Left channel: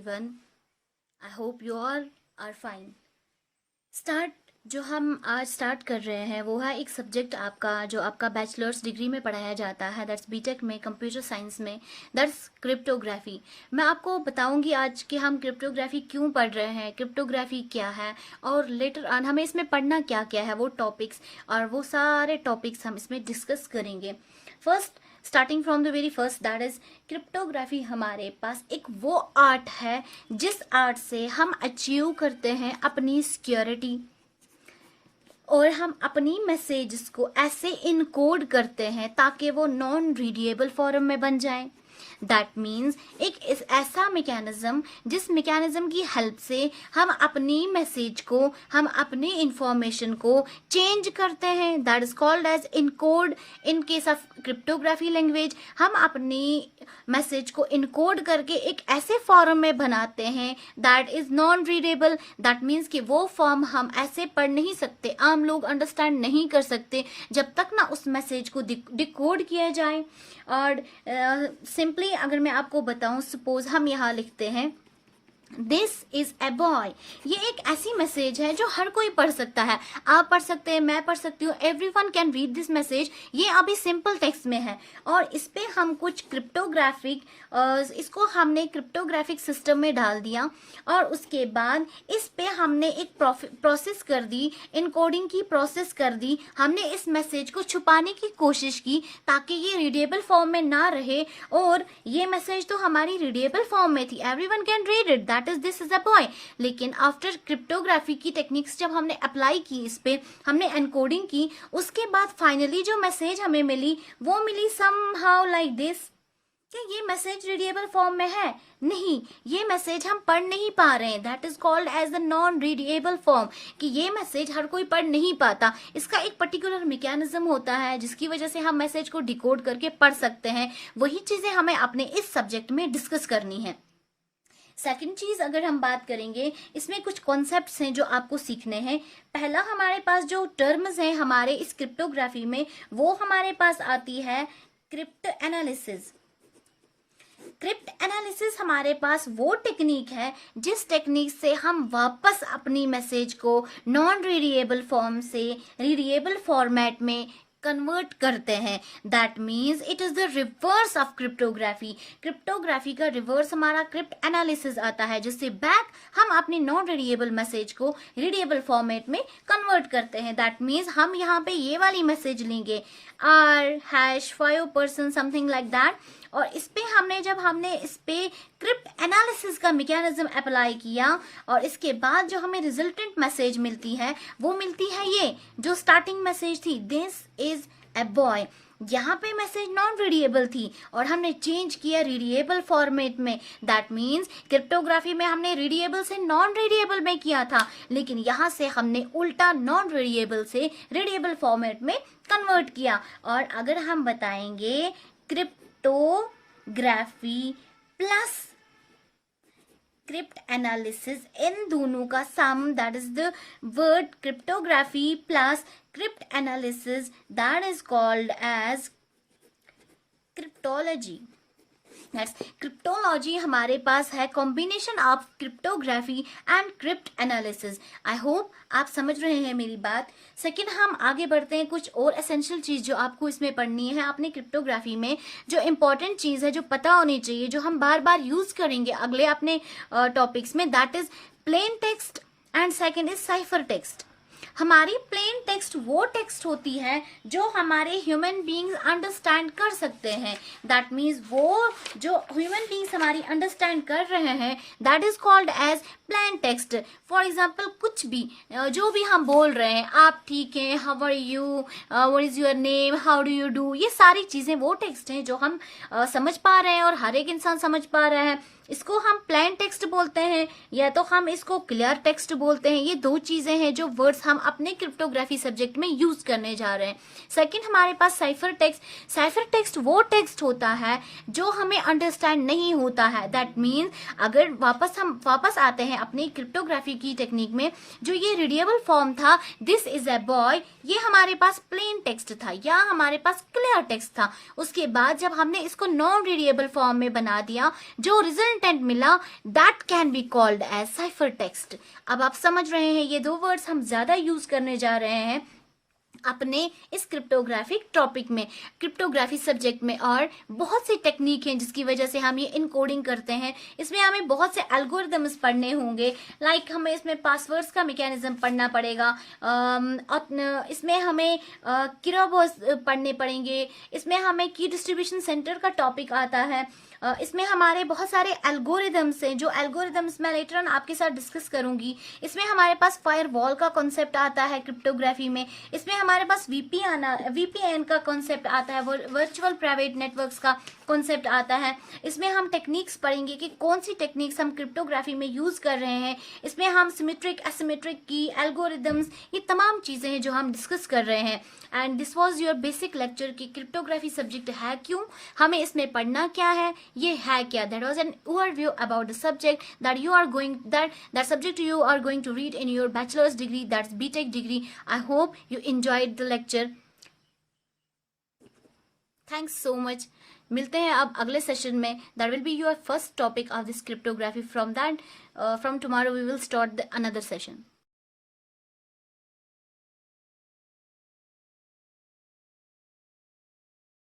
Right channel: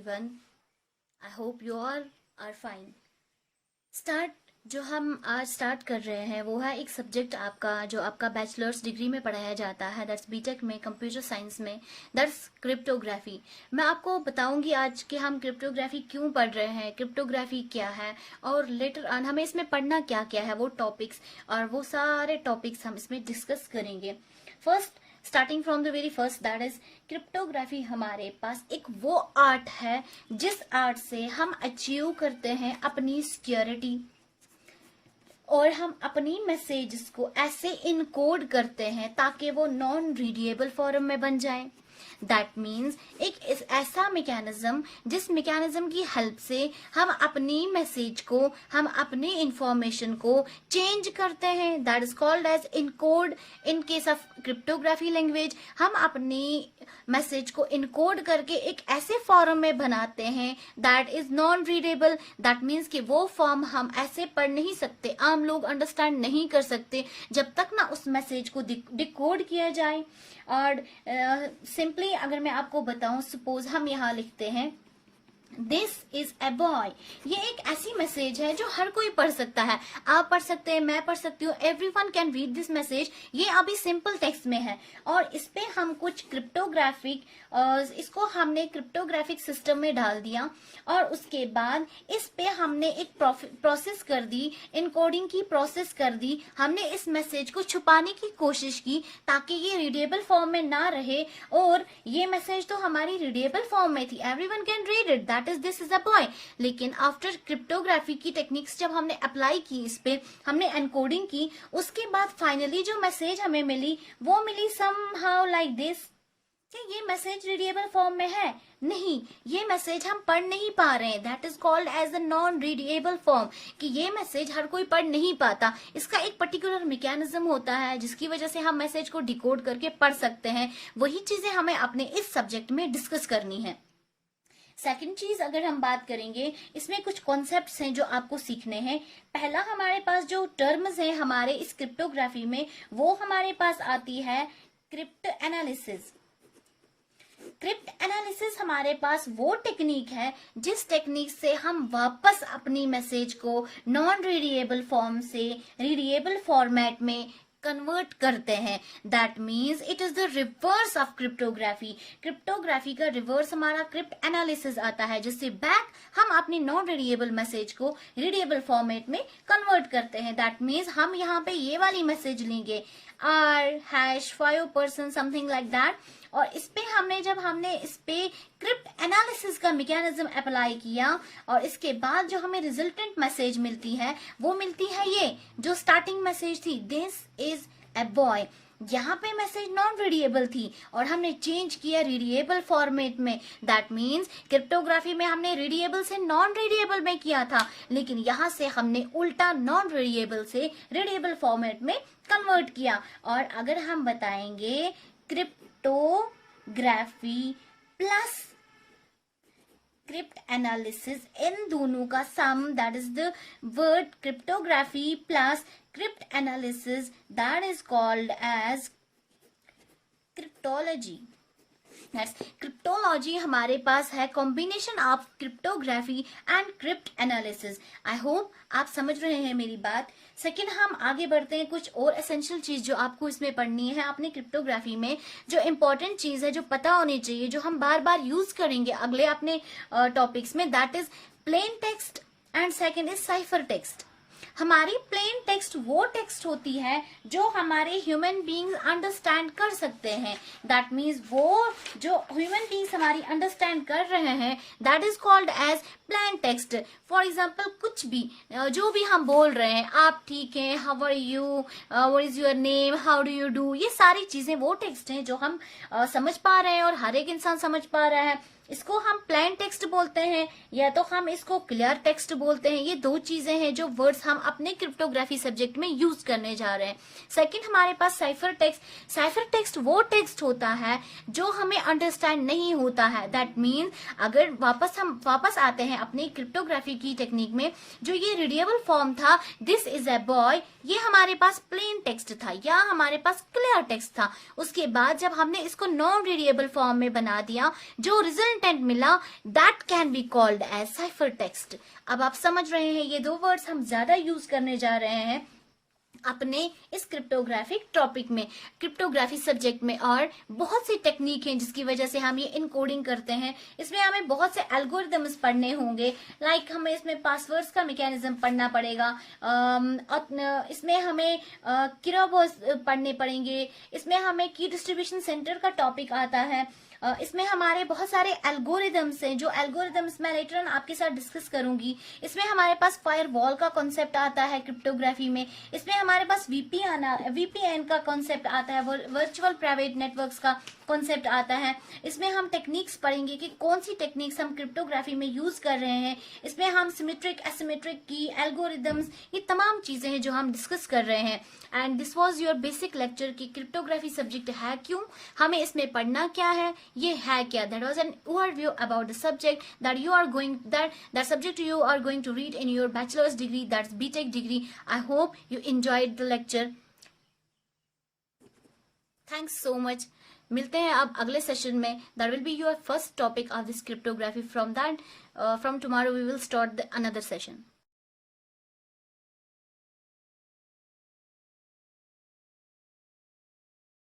everyone. I hope you all are fine. जो हम आज स्टार्ट कर रहे हैं वो है एक सब्जेक्ट आपका जो आपका बैचलर्स डिग्री में पढ़ाया जाता है, दैट्स बीटेक में कंप्यूटर साइंस में, दैट्स क्रिप्टोग्राफी। मैं आपको बताऊंगी आज कि हम क्रिप्टोग्राफी क्यों पढ़ रहे हैं, क्रिप्टोग्राफी क्या है और लेटर ऑन हमें इसमें पढ़ना क्या क्या है, वो टॉपिक्स और वो सारे टॉपिक्स हम इसमें डिस्कस करेंगे। First, starting from the very first, that is cryptography हमारे पास एक वो आर्ट है जिस आर्ट से हम अचीव करते हैं अपनी सिक्योरिटी और हम अपनी मैसेजेस को ऐसे इनकोड करते हैं ताकि वो नॉन रीडेबल फॉर्म में बन जाए। दैट मीन्स एक ऐसा मैकेनिज्म जिस मैकेनिज्म की हेल्प से हम अपनी मैसेज को, हम अपनी इंफॉर्मेशन को चेंज करते हैं, that is called as encode. In case of cryptography language हम अपनी मैसेज को इनकोड करके एक ऐसे फॉर्म में बनाते हैं that is non readable. That means कि वो फॉर्म हम ऐसे पढ़ नहीं सकते, आम लोग अंडरस्टैंड नहीं कर सकते जब तक ना उस मैसेज को डिकोड किया जाए। और सिंपली अगर मैं आपको बताऊं, सपोज हम यहाँ लिखते हैं दिस इज ए बॉय। ये एक ऐसी मैसेज है जो हर कोई पढ़ सकता है, आप पढ़ सकते हैं, मैं पढ़ सकती हूँ, everyone can read this message. ये अभी सिंपल टेक्स्ट में है और इस पे हम कुछ क्रिप्टोग्राफिक इसको हमने क्रिप्टोग्राफिक सिस्टम में डाल दिया और उसके बाद इस पे हमने एक प्रोसेस कर दी, इनकोडिंग की प्रोसेस कर दी। हमने इस मैसेज को छुपाने की कोशिश की ताकि ये रीडेबल फॉर्म में ना रहे, और ये मैसेज तो हमारी रीडेबल फॉर्म में थी, everyone can read it, that is this is a boy. लेकिन आफ्टर क्रिप्टोग्राफी की टेक्निक्स जब हमने अप्लाई की, इस पे हमने एनकोडिंग की, उसके बाद फाइनली जो मैसेज हमें मिली वो मिली समहाउ लाइक दिस। क्या ये मैसेज रीडेबल फॉर्म में है? नहीं, ये मैसेज हम पढ़ नहीं पा रहे हैं, that is called as the non readable form. कि ये मैसेज हर कोई पढ़ नहीं पाता, इसका एक पर्टिकुलर मैकेनिज्म होता है जिसकी वजह से हम मैसेज को डिकोड करके पढ़ सकते हैं। वही चीजें हमें अपने इस सब्जेक्ट में डिस्कस करनी है। सेकंड चीज अगर हम बात करेंगे, इसमें कुछ कॉन्सेप्ट्स हैं जो आपको सीखने हैं। पहला, हमारे पास जो टर्म्स हैं हमारे इस क्रिप्टोग्राफी में, वो हमारे पास आती है क्रिप्ट एनालिसिस। क्रिप्ट एनालिसिस हमारे पास वो टेक्निक है जिस टेक्निक से हम वापस अपनी मैसेज को नॉन रीडेबल फॉर्म से रीडेबल फॉर्मेट में कन्वर्ट करते हैं। That means it is the reverse of cryptography. Cryptography का रिवर्स हमारा क्रिप्ट एनालिसिस आता है, जिससे बैक हम अपनी नॉन रीडेबल मैसेज को रीडेबल फॉर्मेट में कन्वर्ट करते हैं। दैट मीन्स हम यहाँ पे ये वाली मैसेज लेंगे r#5% समथिंग लाइक दैट, और इस पे जब हमने इस पे क्रिप्ट एनालिसिस का मैकेनिज्म अप्लाई किया और इसके बाद जो हमें रिजल्टेंट मैसेज मिलती है वो मिलती है ये जो स्टार्टिंग मैसेज थी, दिस इज ए बॉय। यहाँ पे मैसेज नॉन रीडेबल थी और हमने चेंज किया रीडेबल फॉर्मेट में। दैट मीन्स क्रिप्टोग्राफी में हमने रीडेबल से नॉन रीडेबल में किया था, लेकिन यहाँ से हमने उल्टा नॉन रीडेबल से रीडेबल फॉर्मेट में कन्वर्ट किया। और अगर हम बताएंगे क्रिप्टोग्राफी प्लस क्रिप्ट एनालिसिस, इन दोनों का sum, that is the word cryptography plus cryptanalysis, that is called as cryptology. Cryptology हमारे पास है combination of cryptography and cryptanalysis. I hope आप समझ रहे हैं मेरी बात। सेकंड, हम आगे बढ़ते हैं, कुछ और एसेंशियल चीज जो आपको इसमें पढ़नी है अपनी क्रिप्टोग्राफी में, जो इंपॉर्टेंट चीज है, जो पता होनी चाहिए, जो हम बार बार यूज करेंगे अगले अपने टॉपिक्स में, that is plain text and second is cipher text. हमारी प्लेन टेक्स्ट वो टेक्स्ट होती है जो हमारे ह्यूमन बीइंग्स अंडरस्टैंड कर सकते हैं। दैट मीन्स वो जो ह्यूमन बीइंग्स हमारी अंडरस्टैंड कर रहे हैं, that is called as plain text. For example, कुछ भी जो भी हम बोल रहे हैं, आप ठीक हैं, how are you, what is your name, how do you do, ये सारी चीजें वो टेक्स्ट हैं जो हम समझ पा रहे हैं और हर एक इंसान समझ पा रहा है। इसको हम प्लेन टेक्स्ट बोलते हैं या तो हम इसको क्लियर टेक्स्ट बोलते हैं। ये दो चीजें हैं जो वर्ड्स हम अपने क्रिप्टोग्राफी सब्जेक्ट में यूज करने जा रहे हैं। सेकंड, हमारे पास साइफर टेक्स्ट। साइफर टेक्स्ट वो टेक्स्ट होता है जो हमें अंडरस्टैंड नहीं होता है। दैट मीन्स अगर हम वापस आते हैं अपनी क्रिप्टोग्राफी की टेक्निक में, जो ये रीडेबल फॉर्म था, दिस इज ए बॉय, ये हमारे पास प्लेन टेक्स्ट था या हमारे पास क्लियर टेक्स्ट था। उसके बाद जब हमने इसको नॉन रीडेबल फॉर्म में बना दिया, जो रिजल्ट कंटेंट मिला, that can be called as cipher text. अब आप समझ रहे हैं, ये दो वर्ड्स हम ज्यादा यूज करने जा रहे हैं अपने इस क्रिप्टोग्राफिक टॉपिक में, क्रिप्टोग्राफी सब्जेक्ट में। और बहुत सी टेक्निक हैं जिसकी वजह से हम ये इनकोडिंग करते हैं। इसमें हमें बहुत से एल्गोरिदम्स पढ़ने होंगे, लाइक हमें इसमें पासवर्ड्स का मैकेनिज्म पढ़ना पड़ेगा, इसमें हमें किराबोस पढ़ने पड़ेंगे, इसमें हमें की डिस्ट्रीब्यूशन सेंटर का टॉपिक आता है, इसमें हमारे बहुत सारे एल्गोरिदम्स हैं, जो एल्गोरिदम्स मैं लेटर ऑन आपके साथ डिस्कस करूंगी। इसमें हमारे पास फायरवॉल का कॉन्सेप्ट आता है क्रिप्टोग्राफी में। इसमें हमारे पास वीपीएन का कॉन्सेप्ट आता है, वर्चुअल प्राइवेट नेटवर्क्स का कॉन्सेप्ट आता है। इसमें हम टेक्निक्स पढ़ेंगे कि कौन सी टेक्निक्स हम क्रिप्टोग्राफी में यूज कर रहे हैं। इसमें हम सिमेट्रिक एसिमेट्रिक की एल्गोरिदम्स, ये तमाम चीजें हैं जो हम डिस्कस कर रहे हैं। And this was your basic lecture कि क्रिप्टोग्राफी सब्जेक्ट है क्यों, हमें इसमें पढ़ना क्या है, ये है क्या। That was an overview about the subject that subject you are going to read in your bachelor's degree, that's BTech degree. I hope you enjoyed the lecture. Thanks so much. मिलते हैं अब अगले सेशन में. That will be your first topic of this cryptography. From tomorrow we will start another session.